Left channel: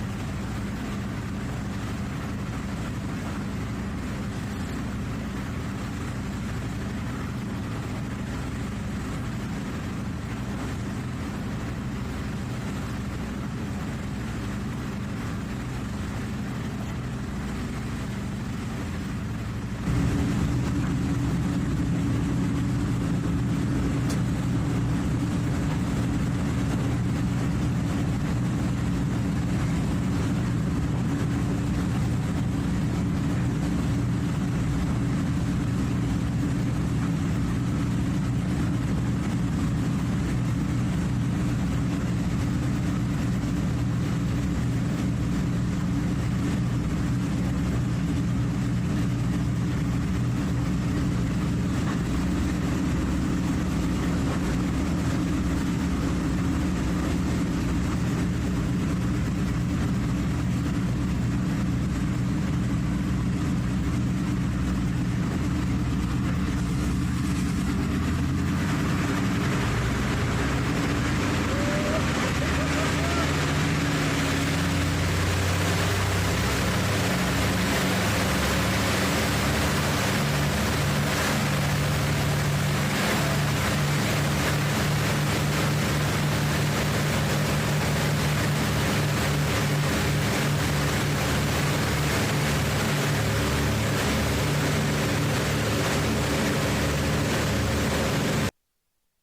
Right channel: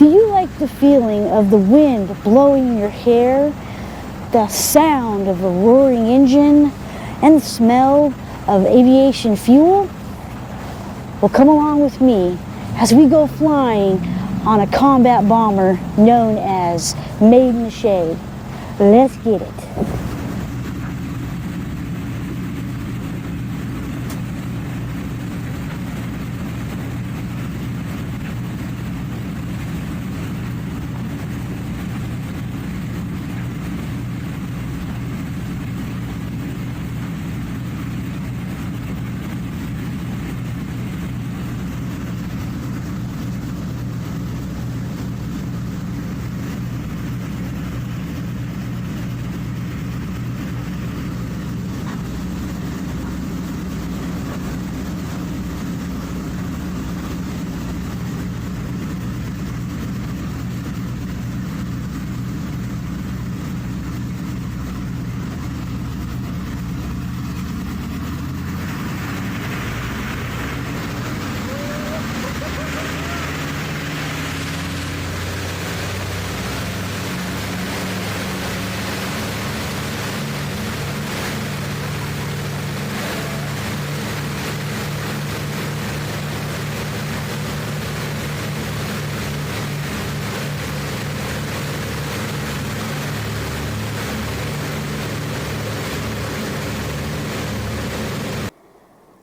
Do you like the feeling of the wind blowing in your hair, the sound of a roaring engine, and the smell of aviation fuel? Well, come along with me as we go flying on a combat bomber known as Maid in the Shade. Let's get it.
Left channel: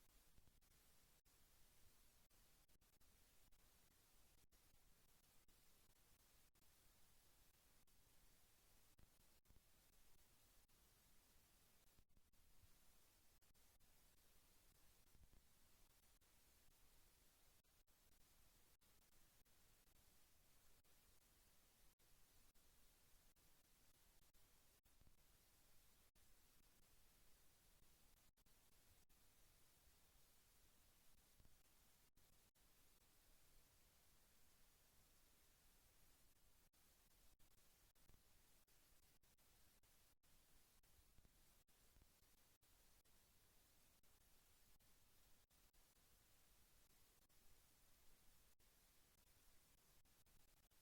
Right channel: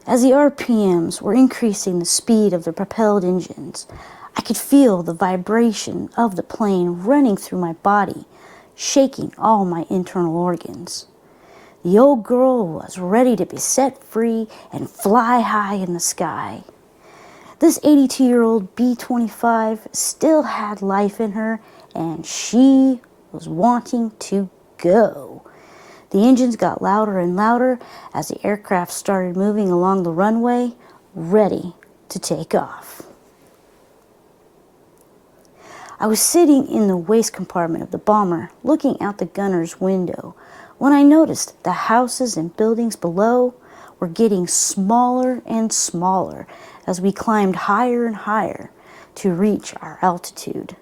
As the RPMs were increasing the speed of the propelled engines, I could feel the vibration of the plane running through my body, shaking all my internal organs. The old girl was ready to be set free and fly high in the sky. This 82-year-old B-25 still had life in her, and she was wanting to go. The engines got louder and louder as the aircraft started moving along the runway, ready to take off. I was sitting in the waist compartment of the bomber, looking out the gunner's window, when I noticed the houses and buildings below were getting smaller and smaller as we climbed higher and higher to reach our altitude.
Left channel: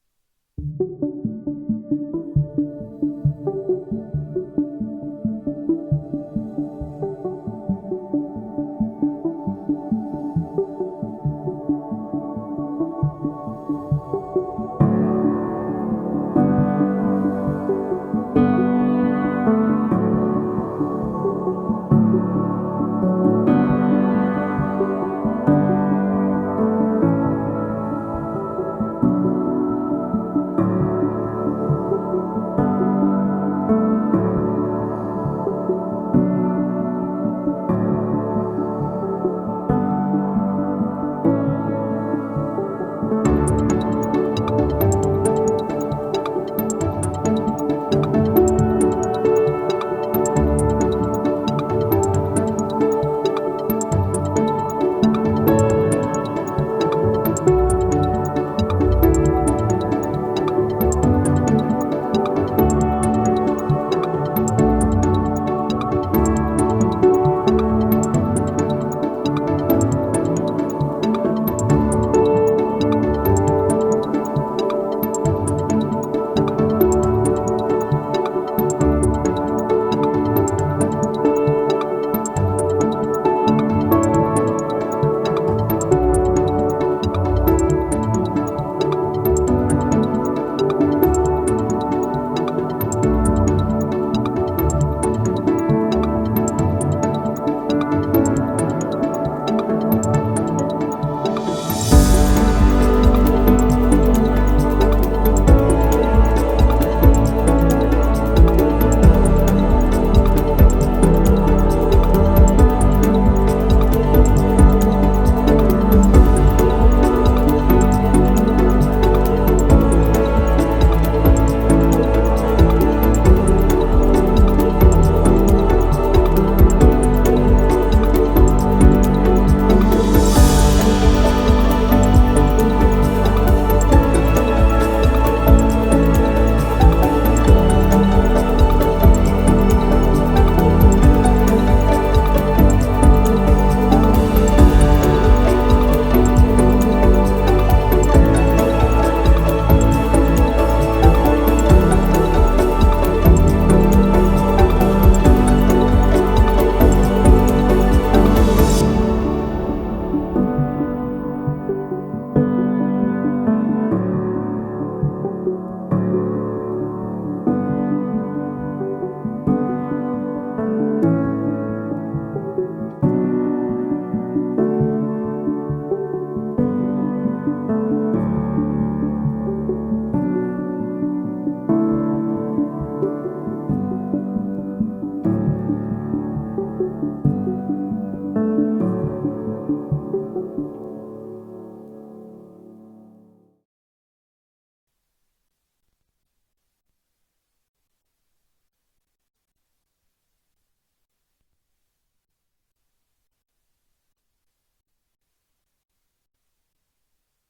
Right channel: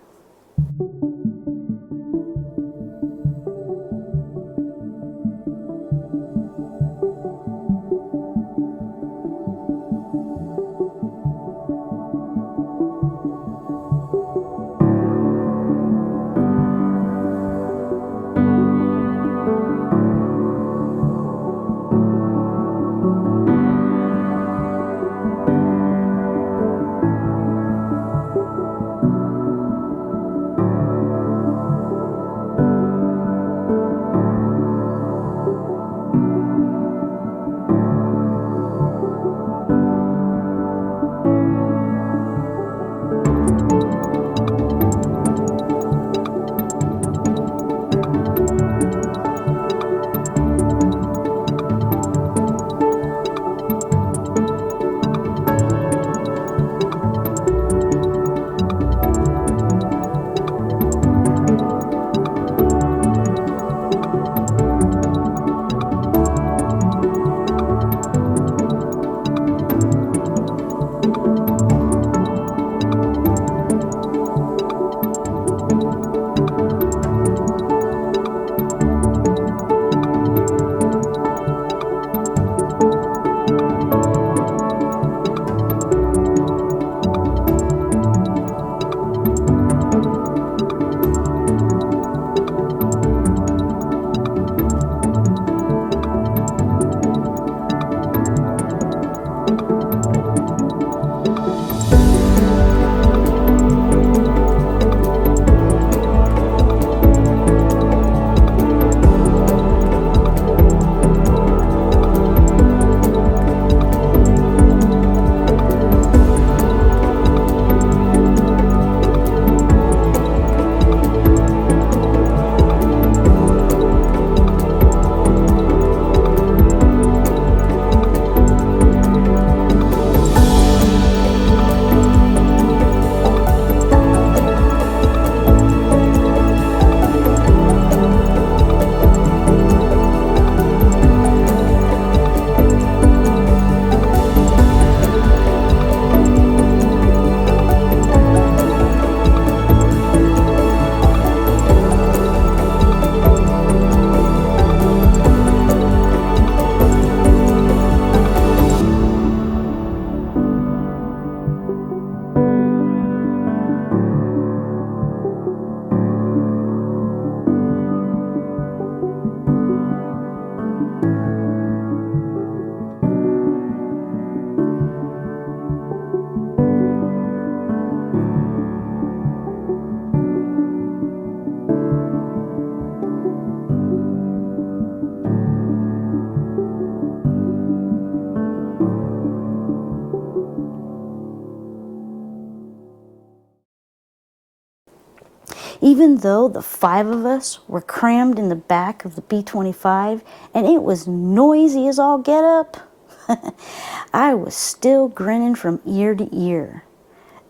Even though the 5 of us were crammed in the back of the B-25 and it was noisy as all get up, I was still grinning from ear to ear.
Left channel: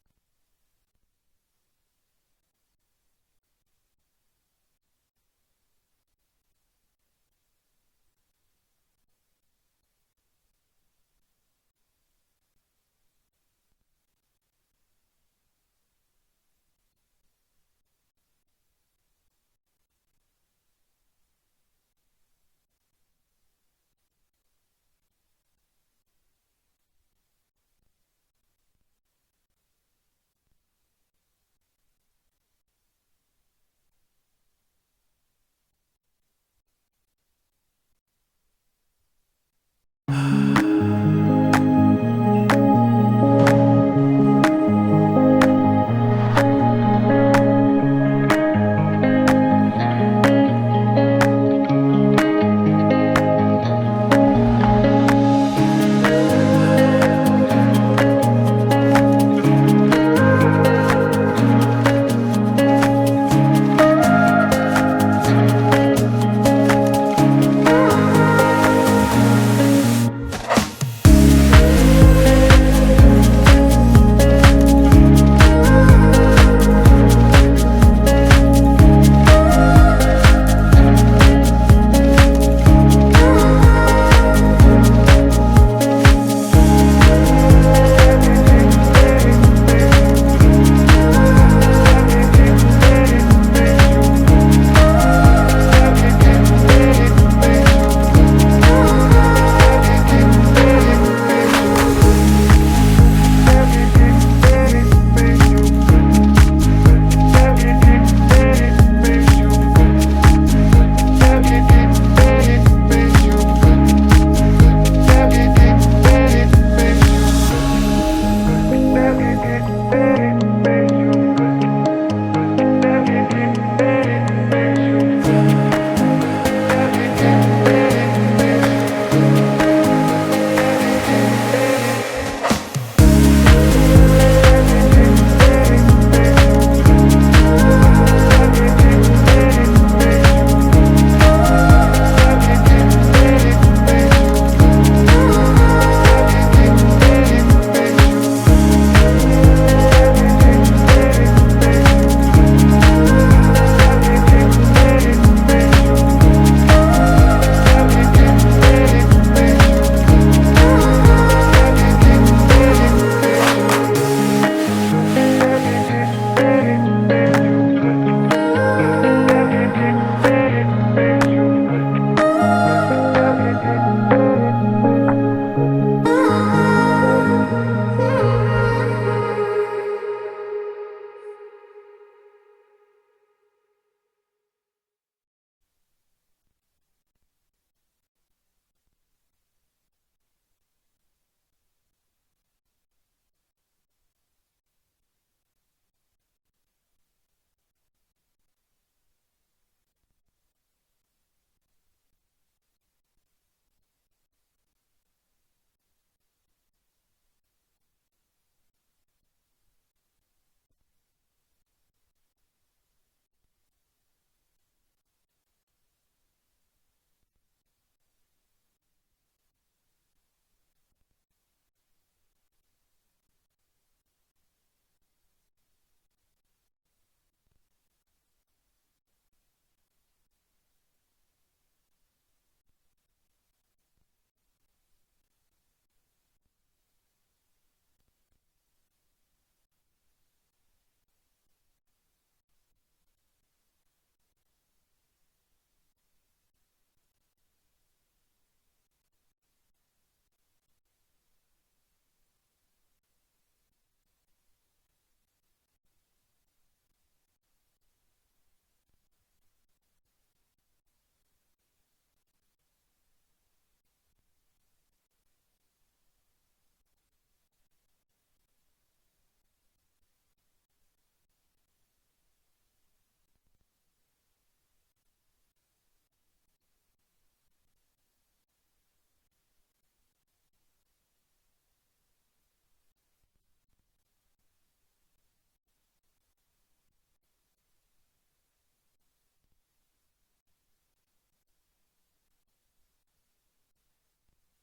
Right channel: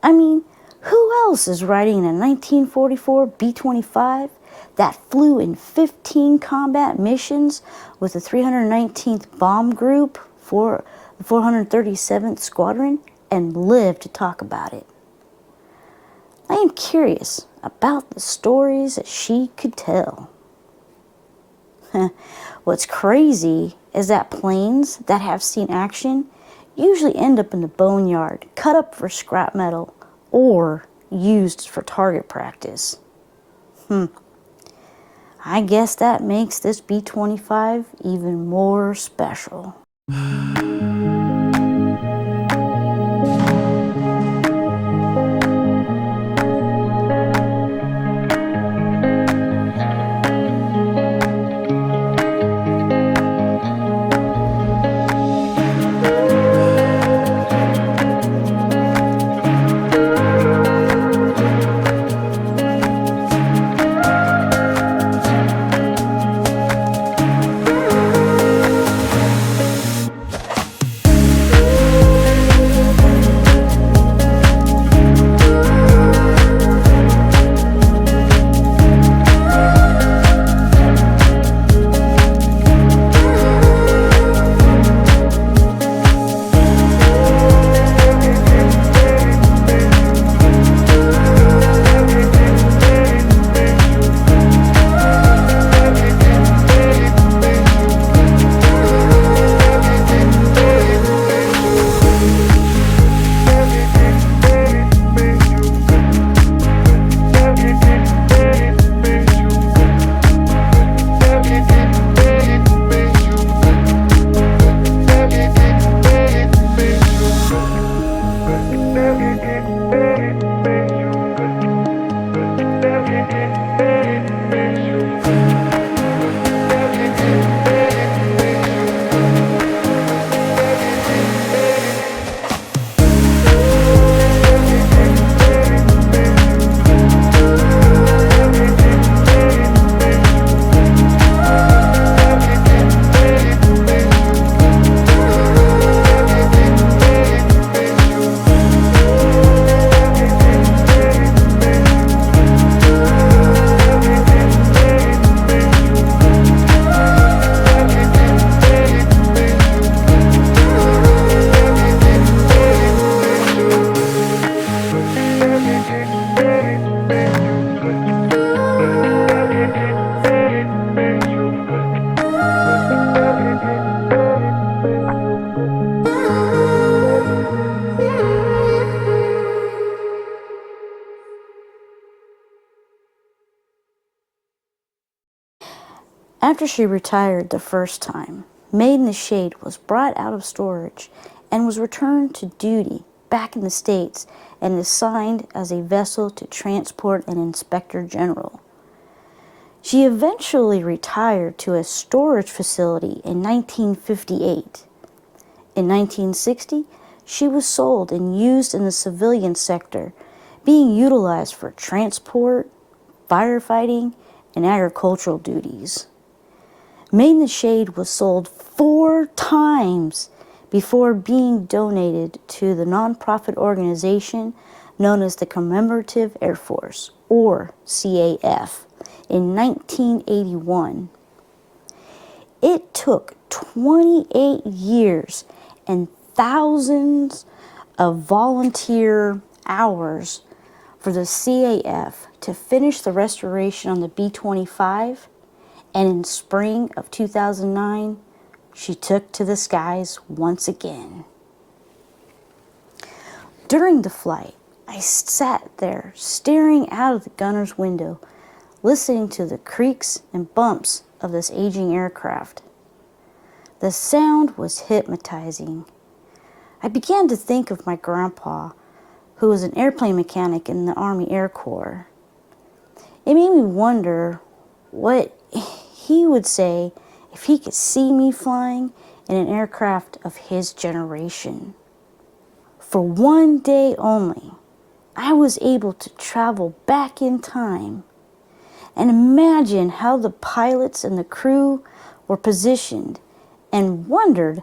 I mean, who else is riding a 1944 B-25 that flew in 15 combat missions with the 319th Bomb Group for the 437th Squadron and lived to talk about it? I am curious about the stories that she could tell. What's crazy is that planes that have seen action usually end up in the boneyard, cut up for scrap metal, or used for target practice. I guess that makes this B-25 even more special. After she retired the first time, Maid in the Shade was brought out of storage and was returned to duty back in the States and assigned as a vessel to transport an inspector general. She eventually retired to a storage facility in 1958. In 1960, she was sold and used in the civilian sector, being utilized for transport, firefighting, and agricultural duties. Maid in the Shade was sold 4 times before being donated to the nonprofit organization known as the Commemorative Air Force, or CAF, in 1981. It took 28 years and thousands of volunteer hours for the CAF to finish the restoration on the B-25, and in spring of 2009, she took to the skies once again. During the flight, I sat there staring out of the gunner's window, listening to the creaks and bumps of this aging aircraft. The sound was hypnotizing. I began to think of my grandpa, who was an airplane mechanic in the Army Air Corps. It made me wonder what he would say if he could see me flying in an aircraft of his generation. For one day only, I was able to travel back in time and imagine how the pilots and the crew were positioned and wondered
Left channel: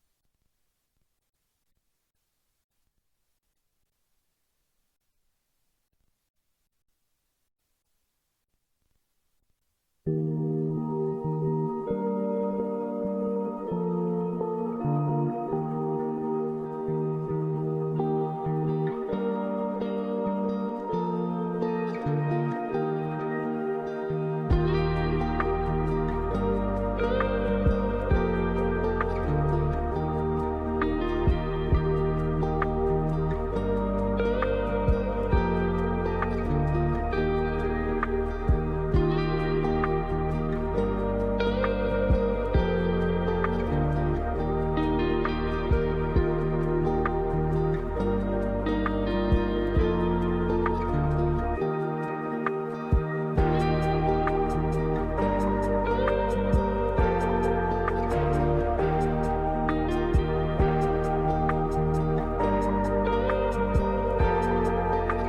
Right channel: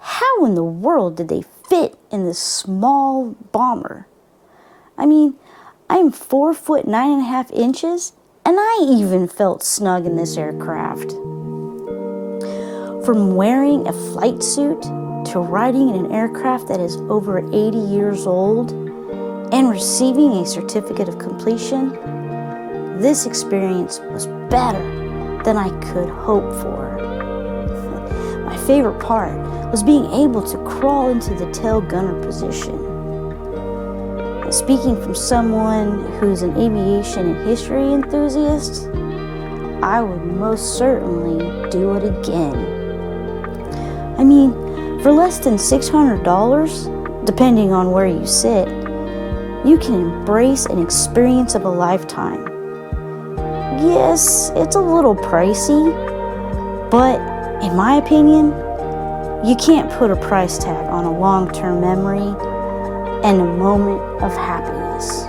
how in the world did they fit in this small bomber. I mean, I'm 4'9.5" and I even felt snug in this aircraft. From wearing a flight suit to riding in an aircraft that is over 80 years old and receiving a certificate of completion, this experience was better than I could hope for. My favorite part was being able to crawl into the tail gunner position. And speaking from someone who's an aviation and history enthusiast, I would most certainly do it again. I mean, for less than $600, depending on where you sit, you can embrace an experience of a lifetime. Yes, it's a little pricey, but in my opinion, you can't put a price tag on a long-term memory and a moment of happiness.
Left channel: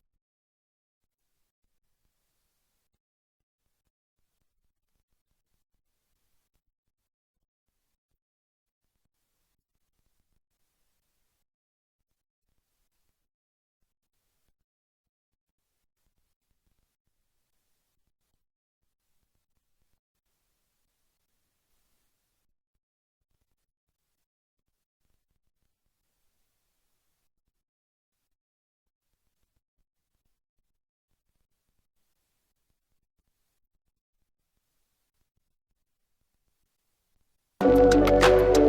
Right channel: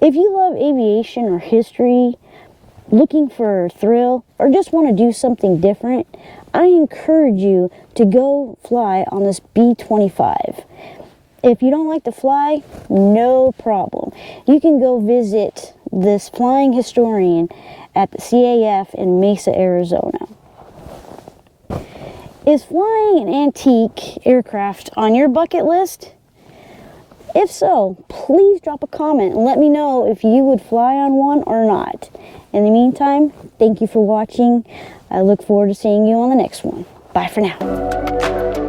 If you love aviation or history, looking for a thrill, or just want to do something different, I encourage you to go fly on this B-25. If you don't like to fly, no problem. You can go visit this flying historian at the CAF in Mesa, Arizona. Is flying an antique aircraft on your bucket list? If so, please drop a comment and let me know if you would fly on one or not. In the meantime, thank you for watching. I look forward to seeing you on the next one. Bye for now.